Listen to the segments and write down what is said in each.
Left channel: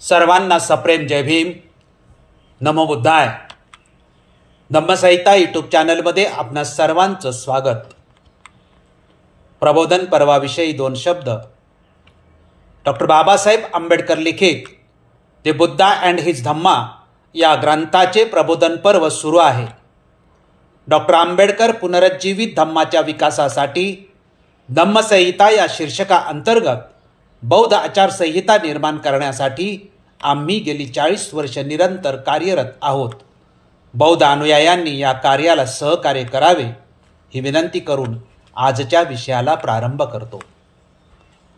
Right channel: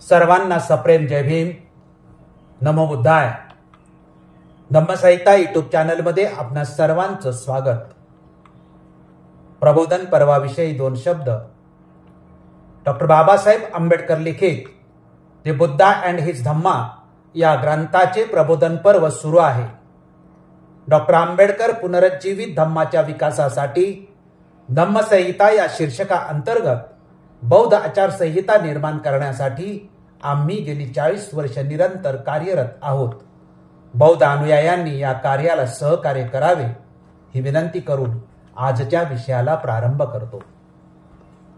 सर्वांना सप्रेम जय भीम. नमो बुद्धाय. धम्मसंहिता यूट्यूब चॅनलमध्ये आपणा सर्वांचं स्वागत. प्रबोधन पर्वाविषयी दोन शब्द. डॉक्टर बाबासाहेब आंबेडकर लिखित द बुद्धा अँड हिज धम्मा या ग्रंथाचे प्रबोधन पर्व सुरू आहे. डॉक्टर आंबेडकर पुनरुज्जीवित धम्माच्या विकासासाठी धम्मसंहिता या शीर्षका अंतर्गत बौद्ध आचारसंहिता निर्माण करण्यासाठी आम्ही गेली 40 वर्ष निरंतर कार्यरत आहोत. बौद्ध अनुयायांनी या कार्याला सहकार्य करावे ही विनंती करून आजच्या विषयाला प्रारंभ करतो.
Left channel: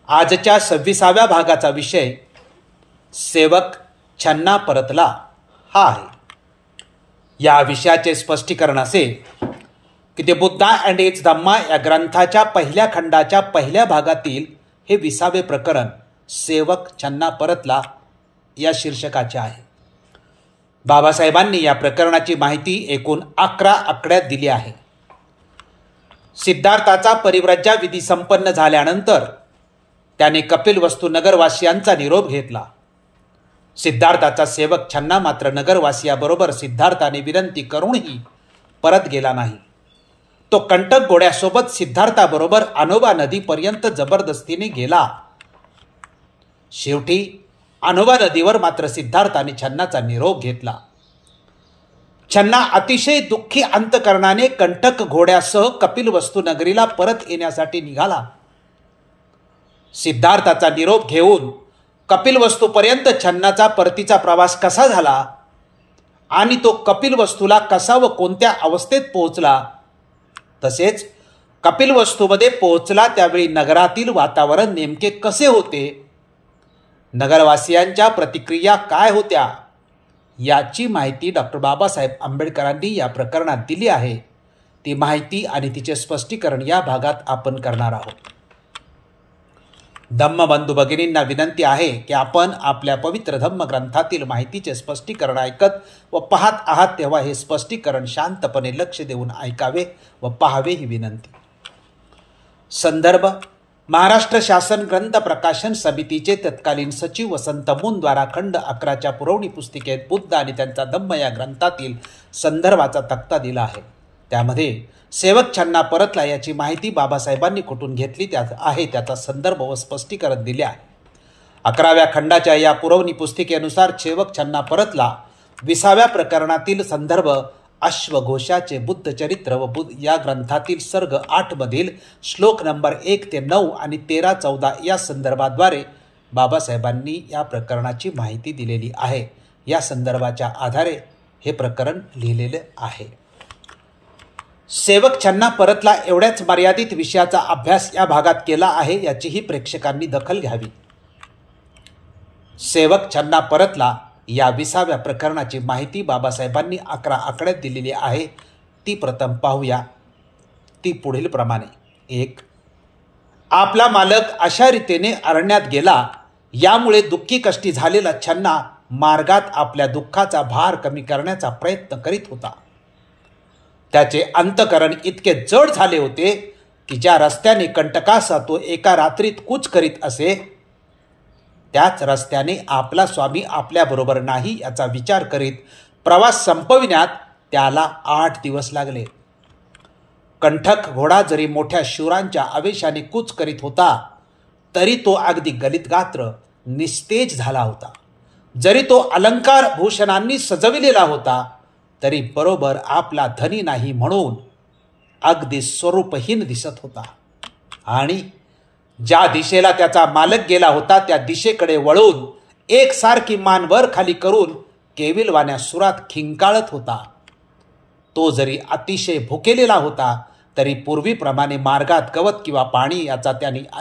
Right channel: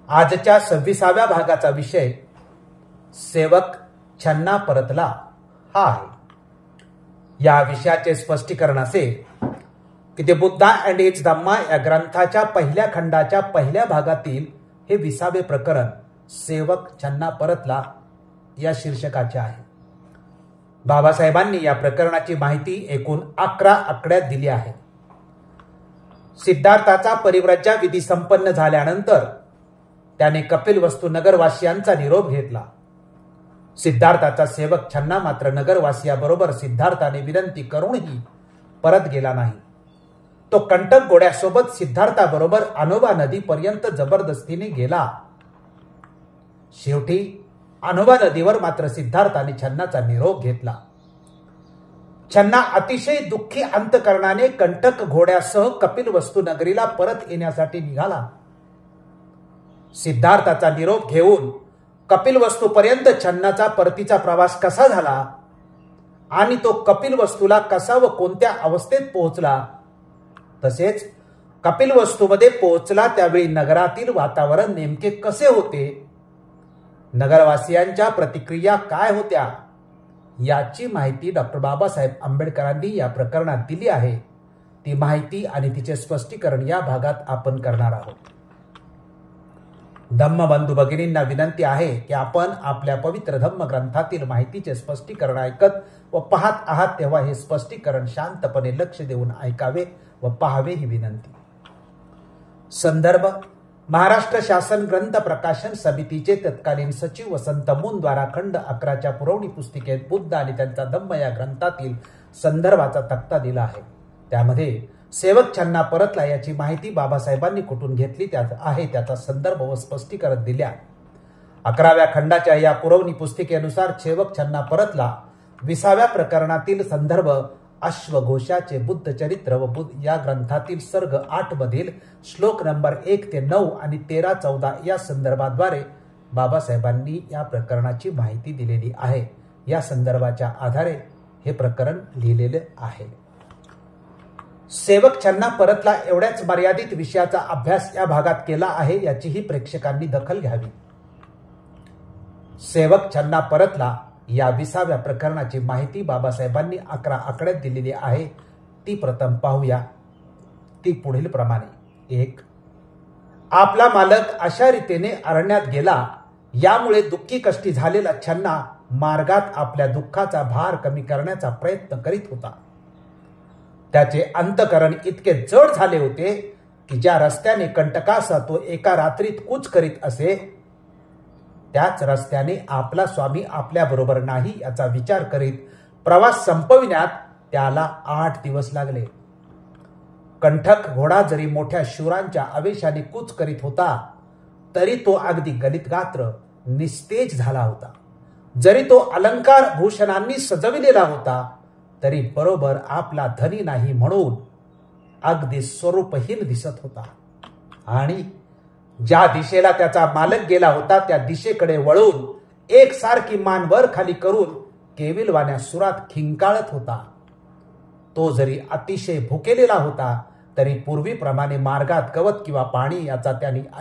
आजच्या 26व्या भागाचा विषय सेवक छन्ना परतला हा आहे. या विषयाचे स्पष्टीकरण असे की द बुद्धा अँड हिज धम्मा या ग्रंथाच्या पहिल्या खंडाच्या पहिल्या भागातील हे 20वे प्रकरण सेवक छन्ना परतला या शीर्षकाचे आहे. बाबासाहेबांनी या प्रकरणाची माहिती एकूण 11 आकड्यात दिली आहे. सिद्धार्थाचा परिव्रज्या विधी संपन्न झाल्यानंतर त्याने कपिलवस्तू नगरवासियांचा निरोप घेतला. सिद्धार्थाचा सेवक छन्ना मात्र नगरवासियाबरोबर सिद्धार्थाने विनंती करूनही परत गेला नाही. तो कंटक घोड्यासोबत सिद्धार्थाबरोबर अनोबा नदीपर्यंत जबरदस्तीने गेला. शेवटी अनोबा नदीवर मात्र सिद्धार्थाने छन्नाचा निरोप घेतला. छन्ना अतिशय दुःखी अंतकरणाने कंटक घोड्यासह कपिलवस्तू नगरीला परत येण्यासाठी निघाला. सिद्धार्थाचा निरोप घेऊन कपिलवस्तूपर्यंत छन्नाचा परतीचा प्रवास कसा झाला आणि तो कपिलवस्तूला कसा व कोणत्या अवस्थेत पोहोचला, तसेच कपिलवस्तूमध्ये पोहोचला त्यावेळी नगरातील वातावरण नेमके कसे होते, नगरवासियांच्या प्रतिक्रिया काय होत्या, याची माहिती डॉक्टर बाबासाहेब आंबेडकरांनी या प्रकरणात दिली आहे. ती माहिती आणि तिचे स्पष्टीकरण या भागात आपण करणार आहोत. धम्मबंधू भगिनींना विनंती आहे की आपण आपल्या पवित्र धम्म ग्रंथातील माहितीचे स्पष्टीकरण ऐकत व पाहत आहात तेव्हा हे स्पष्टीकरण शांतपणे लक्ष देऊन ऐकावे व पाहावे ही विनंती. संदर्भ महाराष्ट्र शासन ग्रंथ प्रकाशन समितीचे तत्कालीन सचिव वसंत मून द्वारा खंड 11च्या पुरवणी पुस्तिकेत बुद्ध आणि त्यांचा धम्म या ग्रंथातील संदर्भाचा तक्ता दिला आहे. त्यामध्ये सेवक छन्ना परतला याची माहिती बाबासाहेबांनी कुठून घेतली आहे त्याचा संदर्भ व स्पष्टीकरण दिले आहे. 11व्या खंडाच्या या पुरवणी पुस्तिकेनुसार सेवक छन्ना परतला 20व्या प्रकरणातील संदर्भ अश्वघोषाचे बुद्ध चरित्र व या ग्रंथातील सर्ग 8 मधील श्लोक नंबर 1 ते 9 आणि 13-14 या संदर्भाद्वारे बाबासाहेबांनी या प्रकरणाची माहिती दिलेली आहे. या संदर्भाच्या आधारे हे प्रकरण लिहिलेले आहे. सेवक छन्ना परतला एवढ्याच मर्यादित विषयाचा अभ्यास या भागात केला आहे याचीही प्रेक्षकांनी दखल घ्यावी. सेवक छन्ना परतला या 20व्या प्रकरणाची माहिती बाबासाहेबांनी 11 आकड्यात दिलेली आहे. ती प्रथम पाहूया. ती पुढील प्रमाणे. 1. आपला मालक अशा रीतीने अरण्यात गेला यामुळे दुःखी कष्टी झालेला छन्ना मार्गात आपल्या दुःखाचा भार कमी करण्याचा प्रयत्न करीत होता. त्याचे अंतकरण इतके जड झाले होते की ज्या रस्त्याने कंटकासा तो एका रात्रीत कूच करीत असे त्याच रस्त्याने आपला स्वामी आपल्याबरोबर नाही याचा विचार करीत प्रवास संपविण्यात त्याला 8 दिवस लागले. कंठक घोडा जरी मोठ्या शूरांच्या आवेशाने कूच करीत होता तरी तो अगदी गलितगात्र निस्तेज झाला होता. जरी तो अलंकार भूषणांनी सजविलेला होता तरी बरोबर आपला धनी नाही म्हणून अगदी स्वरूपहीन दिसत होता. आणि ज्या दिशेला त्याचा मालक गेला होता त्या दिशेकडे वळून एकसारखी मान वर खाली करून केविलवाण्या सुरात खिंकाळत होता. तो जरी अतिशय भुकेलेला होता तरी पूर्वीप्रमाणे मार्गात गवत किंवा पाणी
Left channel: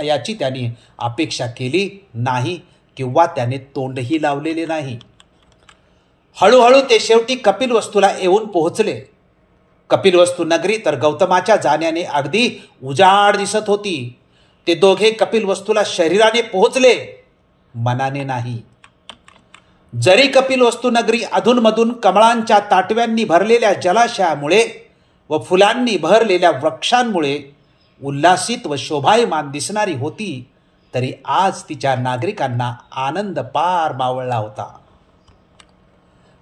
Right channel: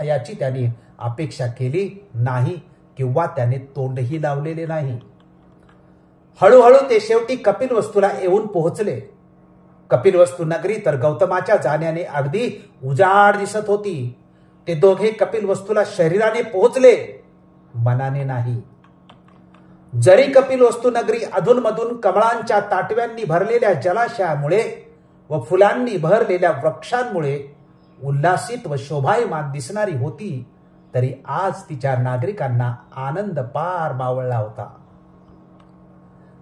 याची त्याने अपेक्षा केली नाही किंवा त्याने तोंडही लावलेले नाही. हळूहळू ते शेवटी कपिलवस्तूला येऊन पोहोचले. कपिलवस्तू नगरी तर गौतमाच्या जाण्याने अगदी उजाड दिसत होती. ते दोघे कपिलवस्तूला शरीराने पोहोचले, मनाने नाही. जरी कपिलवस्तू नगरी अधूनमधून कमळांच्या ताटव्यांनी भरलेल्या जलाशयामुळे व फुलांनी भरलेल्या वृक्षांमुळे उल्हासित व शोभायमान दिसणारी होती तरी आज तिच्या नागरिकांना आनंद पार मावळला होता.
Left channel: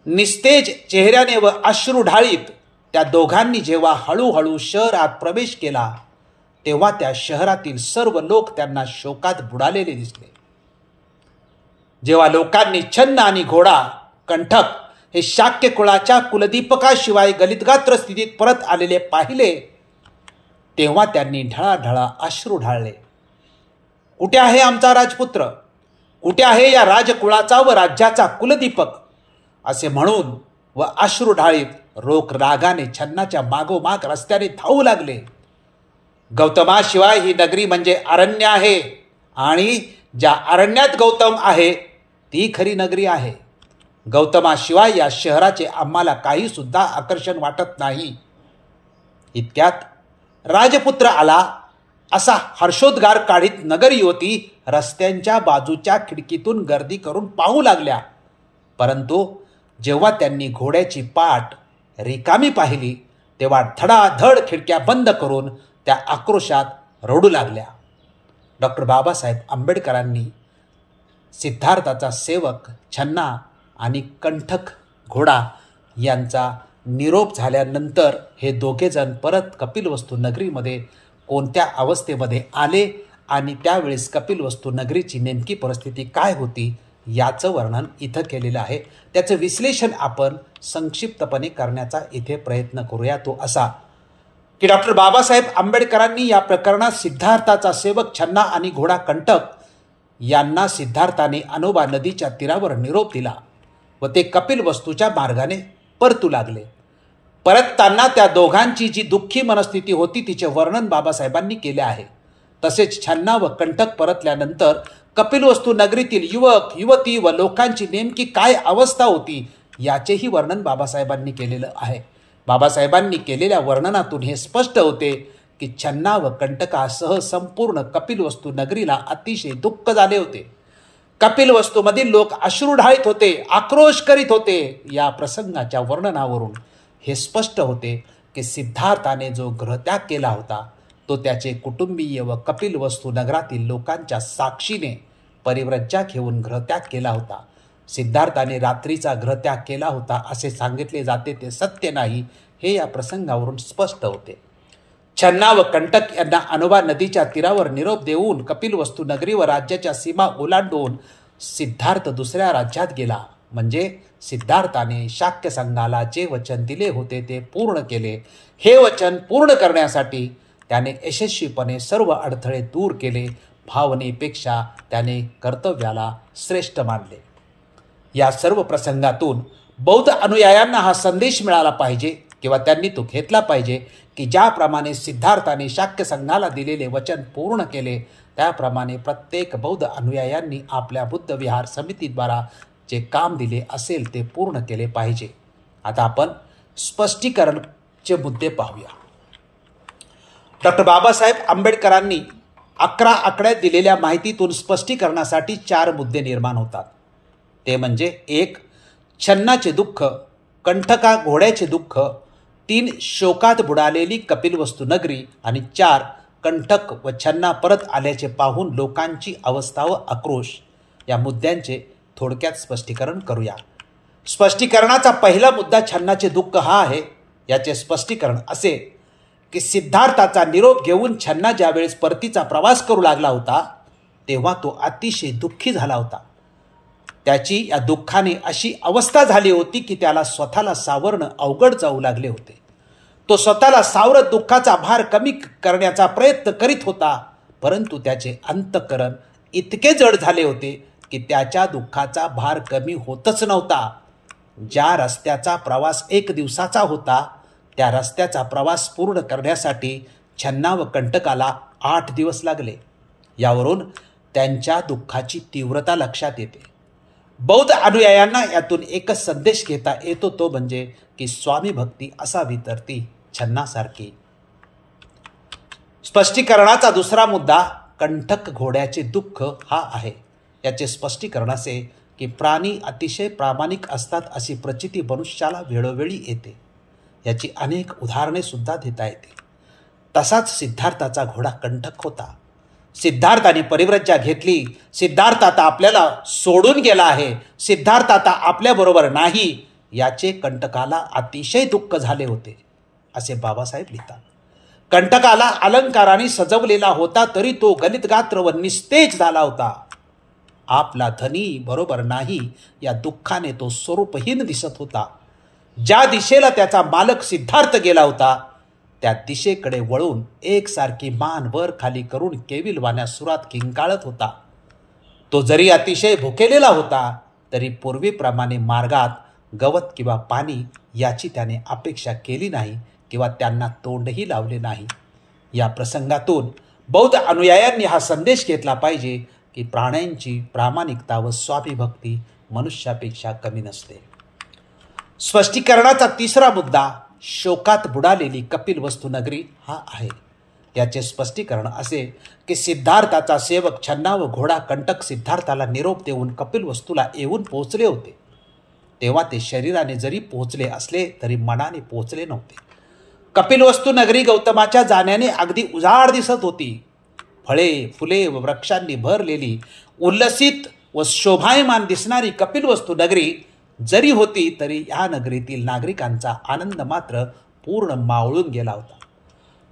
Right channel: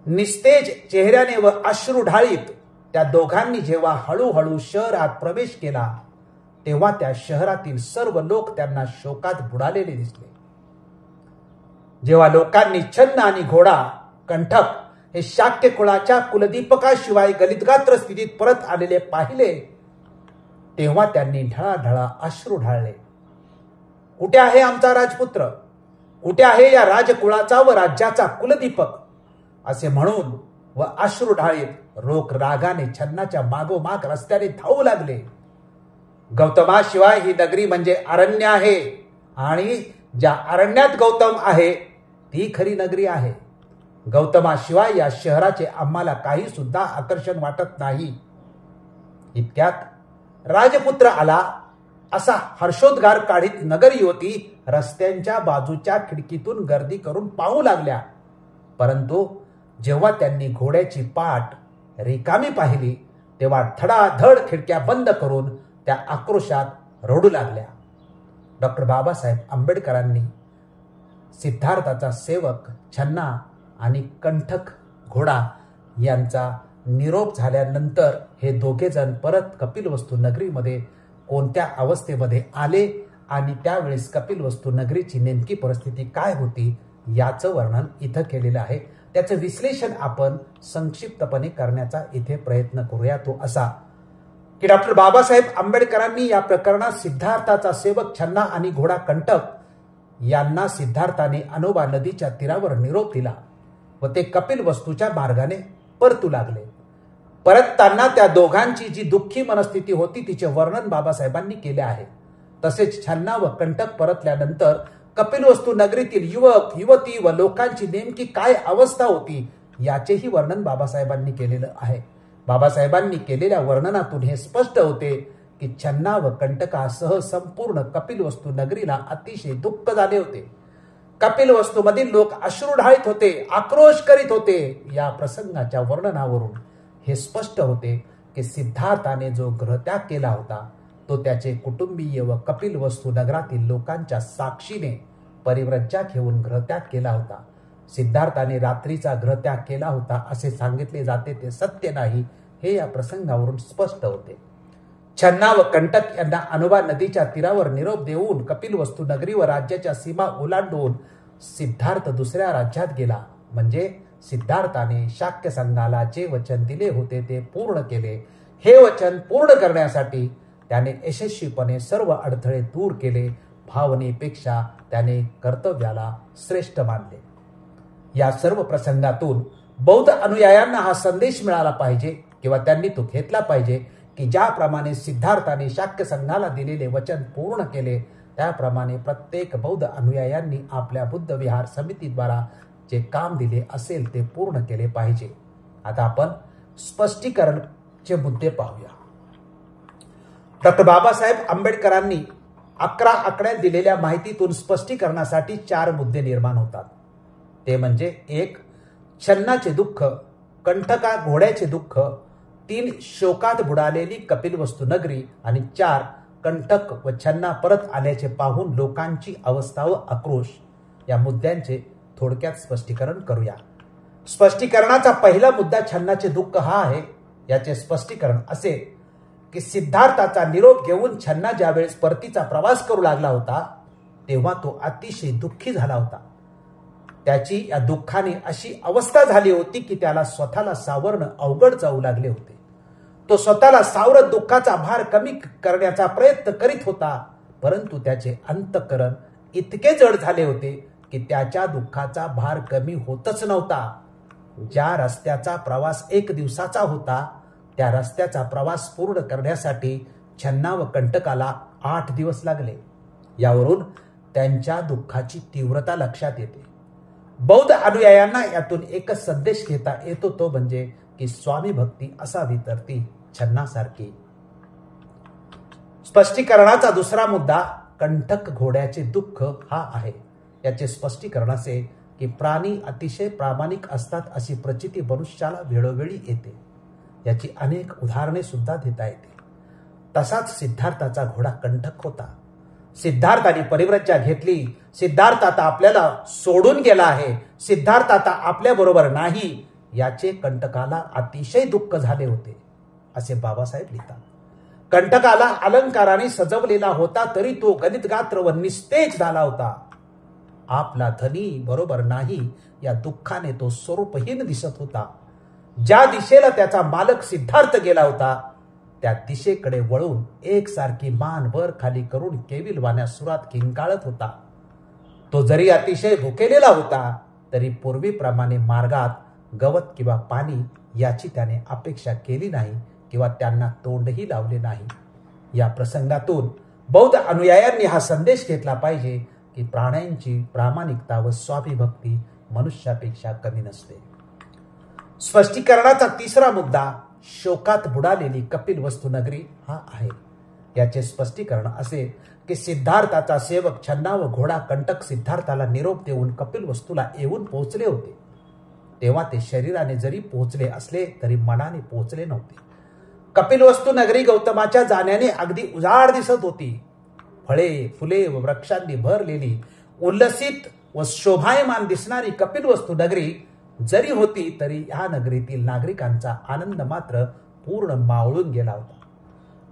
निस्तेज चेहऱ्याने व अश्रू ढाळीत त्या दोघांनी जेव्हा हळूहळू शहरात प्रवेश केला तेव्हा त्या शहरातील सर्व लोक त्यांना शोकात बुडालेले दिसले. जेव्हा लोकांनी छन्न आणि घोडा कंठक हे शाक्य कुळाच्या कुलदीपकाशिवाय गलितगात्र स्थितीत परत आलेले पाहिले तेव्हा त्यांनी ढळाढळा अश्रू ढाळले. कुठे आहे आमचा राजपुत्र? कुठे आहे या राजकुळाचा व राज्याचा कुलदीपक? असे म्हणून व अश्रू ढाळीत रोख रागाने छन्नाच्या मागोमाग रस्त्याने धावू लागले. गौतमाशिवाय ही नगरी म्हणजे अरण्य आहे आणि ज्या अरण्यात गौतम आहे ती खरी नगरी आहे. गौतमाशिवाय या शहराचे आम्हाला काही सुद्धा आकर्षण वाटत नाही. इतक्यात राजपुत्र आला असा हर्षोद्गार काढीत नगर युवती रस्त्यांच्या बाजूच्या खिडकीतून गर्दी करून पाहू लागल्या. परंतु जेव्हा त्यांनी घोड्याची पाठ रिकामी पाहिली तेव्हा धडाधड खिडक्या बंद करून त्या आक्रोशात रडू लागल्या. डॉक्टर बाबासाहेब आंबेडकरांनी सिद्धार्थाचा सेवक छन्ना आणि कंठक घोडा यांचा निरोप झाल्यानंतर हे दोघे जण परत कपिलवस्तू नगरीमध्ये कोणत्या अवस्थेमध्ये आले आणि त्यावेळेस कपिलवस्तू नगरीची नेमकी परिस्थिती काय होती याचं वर्णन इथं केलेलं आहे. त्याचं विश्लेषण आपण संक्षिप्तपणे करण्याचा इथे प्रयत्न करूया. तो असा की डॉक्टर बाबासाहेब आंबेडकरांनी या प्रकरणात सिद्धार्थाचा सेवक छन्ना आणि घोडा कंटक यांना सिद्धार्थाने अनोबा नदीच्या तीरावर निरोप दिला व ते कपिलवस्तूच्या मार्गाने परतू लागले. परतताना त्या दोघांची जी दुःखी मनस्थिती होती तिचे वर्णन बाबासाहेबांनी केले आहे. तसेच छन्ना व कंटक परतल्यानंतर कपिलवस्तू नगरीतील युवक युवती व लोकांची नेमकी काय अवस्था होती याचेही वर्णन बाबासाहेबांनी केलेलं आहे. बाबासाहेबांनी केलेल्या वर्णनातून हे स्पष्ट होते की छन्ना व कंटकासह संपूर्ण कपिलवस्तू नगरीला अतिशय दुःख झाले होते. कपिलवस्तूमधील लोक अश्रू ढाळीत होते, आक्रोश करीत होते. या प्रसंगाच्या वर्णनावरून हे स्पष्ट होते की सिद्धार्थाने जो गृहत्याग केला होता तो त्याचे कुटुंबीय व कपिलवस्तू नगरातील लोकांच्या साक्षीने परिव्रज्या घेऊन गृहत्याग केला होता. सिद्धार्थाने रात्रीचा गृहत्याग केला होता असे सांगितले जाते ते सत्य नाही हे या प्रसंगावरून स्पष्ट होते. छन्ना व कंटक यांना अनोबा नदीच्या तीरावर निरोप देऊन कपिलवस्तू नगरी व राज्याच्या सीमा ओलांडून सिद्धार्थ दुसऱ्या राज्यात गेला. म्हणजे सिद्धार्थाने शाक्य संघाला जे वचन दिले होते ते पूर्ण केले. हे वचन पूर्ण करण्यासाठी त्याने यशस्वीपणे सर्व अडथळे दूर केले. भावनेपेक्षा त्याने कर्तव्याला श्रेष्ठ मानले. या सर्व प्रसंगातून बौद्ध अनुयायांना हा संदेश मिळाला पाहिजे किंवा त्यांनी तो घेतला पाहिजे की ज्याप्रमाणे सिद्धार्थाने शाक्य संघाला दिलेले वचन पूर्ण केले त्याप्रमाणे प्रत्येक बौद्ध अनुयायांनी आपल्या बुद्ध विहार समितीद्वारा जे काम दिले असेल ते पूर्ण केले पाहिजे. आता आपण स्पष्टीकरणचे मुद्दे पाहूया. डॉक्टर बाबासाहेब आंबेडकरांनी 11 आकड्यात दिलेल्या माहितीतून स्पष्टीकरणासाठी 4 मुद्दे निर्माण होतात. ते म्हणजे 1. छन्नाचे दुःख, कंठका घोड्याचे दुःख, 3. शोकात बुडालेली कपिलवस्तू नगरी आणि 4. कंठक व छन्ना परत आल्याचे पाहून लोकांची अवस्था व आक्रोश. या मुद्द्यांचे थोडक्यात स्पष्टीकरण करूया. स्पष्टीकरणाचा पहिला मुद्दा छन्नाचे दुःख हा आहे. याचे स्पष्टीकरण असे की सिद्धार्थाचा निरोप घेऊन छन्ना ज्यावेळेस परतीचा प्रवास करू लागला होता तेव्हा तो अतिशय दुःखी झाला होता. त्याची या दुःखाने अशी अवस्था झाली होती की त्याला स्वतःला सावरणं अवघड जाऊ लागले होते. तो स्वतःला सावरत दुःखाचा भार कमी करण्याचा प्रयत्न करीत होता, परंतु त्याचे अंतःकरण इतके जड झाले होते की त्याच्या दुःखाचा भार कमी होतच नव्हता. ज्या रस्त्याचा प्रवास 1 दिवसाचा होता त्या रस्त्याचा प्रवास पूर्ण करण्यासाठी छन्ना व कंटकाला 8 दिवस लागले. यावरून त्यांच्या दुःखाची तीव्रता लक्षात येते. बौद्ध अनुयायांना यातून एकच संदेश घेता येतो तो म्हणजे की स्वामी भक्ती असावी तर ती छन्नासारखी. स्पष्टीकरणाचा दुसरा मुद्दा कंठक घोड्याचे दुःख हा आहे. याचे स्पष्टीकरण असे की प्राणी अतिशय प्रामाणिक असतात अशी प्रचिती मनुष्याला वेळोवेळी येते. याची अनेक उदाहरणे सुद्धा देता येते. तसाच सिद्धार्थाचा घोडा कंठक होता. सिद्धार्थाने परिव्रज्या घेतली. सिद्धार्थ आता आपल्याला सोडून गेला आहे. सिद्धार्थ आता आपल्याबरोबर नाही. याचे कंटकाला अतिशय दुःख झाले होते असे बाबासाहेब लिहितात. कंटकाला अलंकाराने सजवलेला होता तरी तो गलितगात्र व निस्तेज झाला होता. आपला धनी बरोबर नाही या दुःखाने तो स्वरूपहीन दिसत होता. ज्या दिशेला त्याचा मालक सिद्धार्थ गेला होता त्या दिशेकडे वळून एकसारखी मान वर खाली करून केविलवाण्या सुरात किंकाळत होता. तो जरी अतिशय भुकेलेला होता तरी पूर्वीप्रमाणे मार्गात गवत किंवा पाणी याची त्याने अपेक्षा केली नाही किंवा त्यांना तोंडही लावले नाही. या प्रसंगातून बौद्ध अनुयायांनी हा संदेश घेतला पाहिजे की प्राण्यांची प्रामाणिकता व स्वाभिभक्ती मनुष्यापेक्षा कमी नसते. स्पष्टीकरणाचा तिसरा मुद्दा शोकात बुडालेली कपिलवस्तू नगरी हा आहे. याचे स्पष्टीकरण असे की सिद्धार्थाचा सेवक छन्ना व घोडा कंटक सिद्धार्थाला निरोप देऊन कपिलवस्तूला येऊन पोहोचले होते. तेव्हा ते शरीराने जरी पोहोचले असले तरी मनाने पोहोचले नव्हते. कपिलवस्तू नगरी गौतमाच्या जाण्याने अगदी उजाड दिसत होती. फळे फुले व वृक्षांनी भरलेली उल्लसित व शोभायमान दिसणारी कपिलवस्तू नगरी जरी होती तरी या नगरीतील नागरिकांचा आनंद मात्र पूर्ण मावळून गेला होता.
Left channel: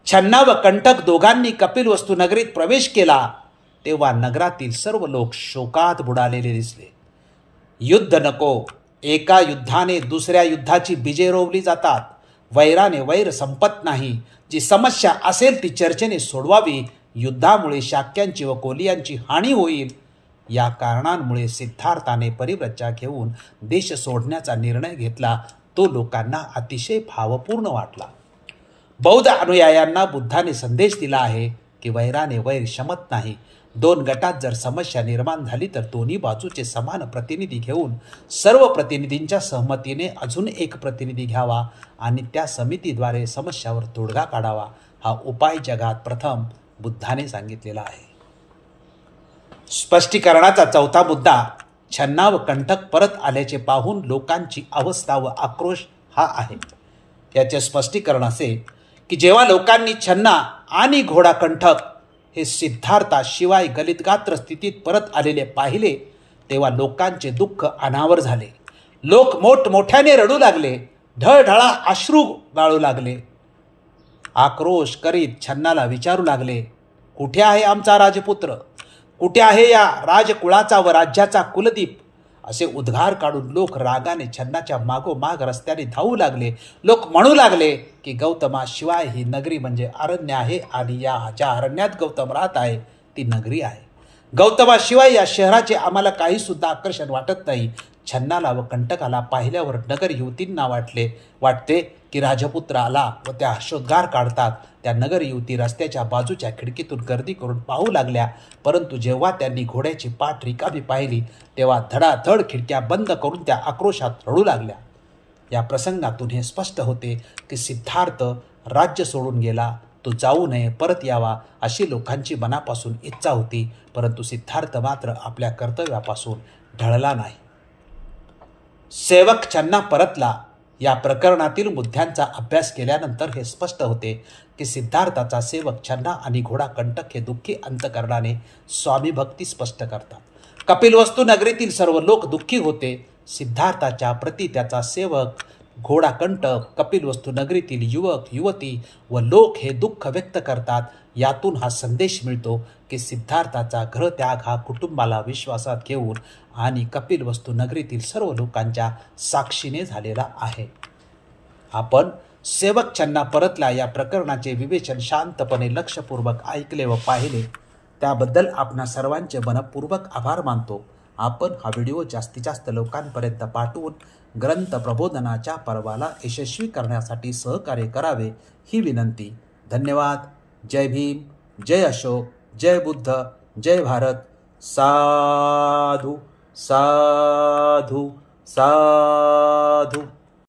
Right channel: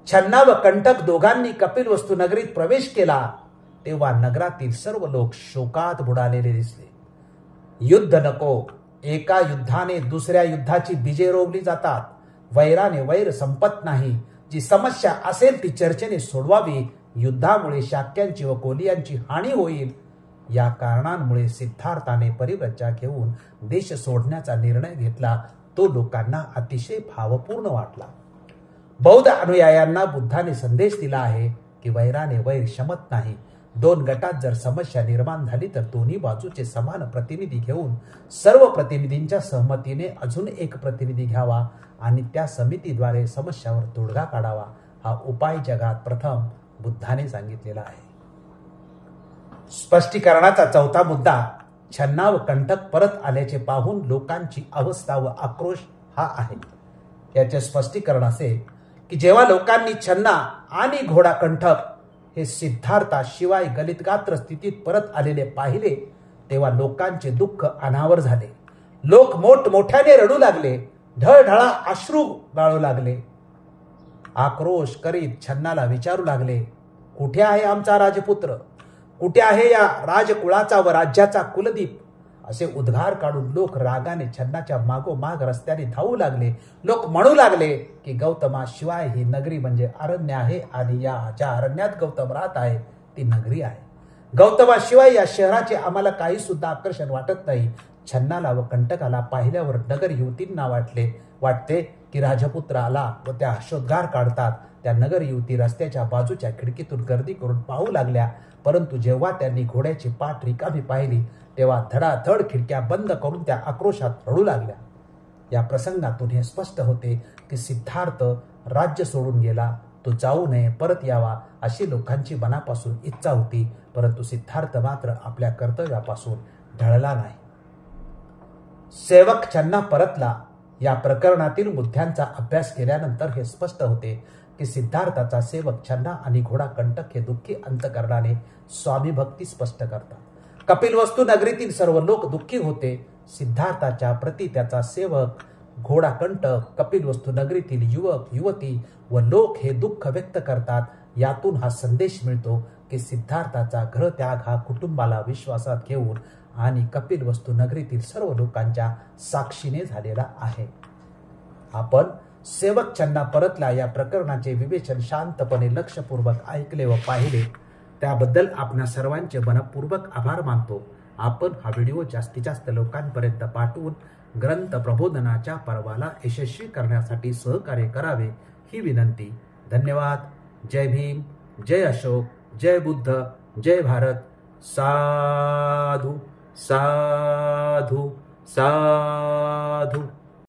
छन्ना व कंटक दोघांनी कपिलवस्तू नगरीत प्रवेश केला तेव्हा नगरातील सर्व लोक शोकात बुडालेले दिसले. युद्ध नको. एका युद्धाने दुसऱ्या युद्धाची बीजे रोवली जातात. वैराने वैर संपत नाही. जी समस्या असेल ती चर्चेने सोडवावी. युद्धामुळे शाक्यांची व कोलियांची हानी होईल. या कारणांमुळे सिद्धार्थाने परिव्रज्या घेऊन देश सोडण्याचा निर्णय घेतला. तो लोकांना अतिशय भावपूर्ण वाटला. बौद्ध अनुयायांना बुद्धाने संदेश दिला आहे की वैराने वैर शमत नाही. दोन गटात जर समस्या निर्माण झाली तर दोन्ही बाजूचे समान प्रतिनिधी घेऊन सर्व प्रतिनिधींच्या सहमतीने अजून एक प्रतिनिधी घ्यावा आणि त्या समितीद्वारे समस्यावर तोडगा काढावा. हा उपाय जगात प्रथम बुद्धाने सांगितलेला आहे. स्पष्टीकरणाचा चौथा मुद्दा छन्ना व कंटक परत आल्याचे पाहून लोकांची अवस्था व आक्रोश हा आहे. याचे स्पष्टीकरण असे की जेव्हा लोकांनी छन्ना आणि घोडा कंटक हे सिद्धार्थाशिवाय गलितगात्र स्थितीत परत आलेले पाहिले तेव्हा लोकांचे दुःख अनावर झाले. लोक मोठमोठ्याने रडू लागले. ढळढळा अश्रू गाळू लागले. आक्रोश करीत छन्नाला विचारू लागले, कुठे आहे आमचा राजपुत्र? कुठे आहे या राजकुळाचा व राज्याचा कुलदीप? असे उद्गार काढून लोक रागाने छन्नाच्या मागोमाग रस्त्याने धावू लागले. लोक म्हणू लागले की गौतमाशिवाय ही नगरी म्हणजे अरण्य आहे आणि या ज्या अरण्यात गौतम राहत आहे ती नगरी आहे. गौतमाशिवाय या शहराचे आम्हाला काही सुद्धा आकर्षण वाटत नाही. छन्नाला व कंटकाला पाहिल्यावर नगर युवतींना वाटते की राजपुत्र आला व त्या हर्षोद्गार काढतात. त्या नगर युवती रस्त्याच्या बाजूच्या खिडकीतून गर्दी करून पाहू लागल्या. परंतु जेव्हा त्यांनी घोड्याची पाठ रिकामी पाहिली तेव्हा धडाधड खिडक्या बंद करून त्या आक्रोशात रडू लागल्या. या प्रसंगातून हे स्पष्ट होते की सिद्धार्थ राज्य सोडून गेला. तो जाऊ नये, परत यावा अशी लोकांची मनापासून इच्छा होती. परंतु सिद्धार्थ मात्र आपल्या कर्तव्यापासून ढळला नाही. सेवक छन्ना परतला. या प्रकरणातील मुद्द्यांचा अभ्यास केल्यानंतर हे स्पष्ट होते की सिद्धार्थाचा सेवक छन्ना आणि घोडा कंटक हे दुःखी अंतकरणाने स्वामीभक्ती स्पष्ट करतात. कपिलवस्तू नगरीतील सर्व लोक दुःखी होते. सिद्धार्थाच्या प्रती त्याचा सेवक घोडा कंटक, कपिलवस्तू नगरीतील युवक युवती व लोक हे दुःख व्यक्त करतात. यातून हा संदेश मिळतो की सिद्धार्थाचा गृहत्याग हा कुटुंबाला विश्वासात घेऊन आणि कपिलवस्तू नगरीतील सर्व लोकांच्या साक्षीने झालेला आहे. आपण सेवक छन्ना परतला या प्रकरणाचे विवेचन शांतपणे लक्षपूर्वक ऐकले व पाहिले त्याबद्दल आपणा सर्वांचे मनपूर्वक आभार मानतो. आपण हा व्हिडिओ जास्तीत जास्त लोकांपर्यंत पाठवून ग्रंथ प्रबोधनाच्या पर्वाला यशस्वी करण्यासाठी सहकार्य करावे ही विनंती. धन्यवाद. जय भीम, जय अशोक, जय बुद्ध, जय भारत. साधू साधू साधू.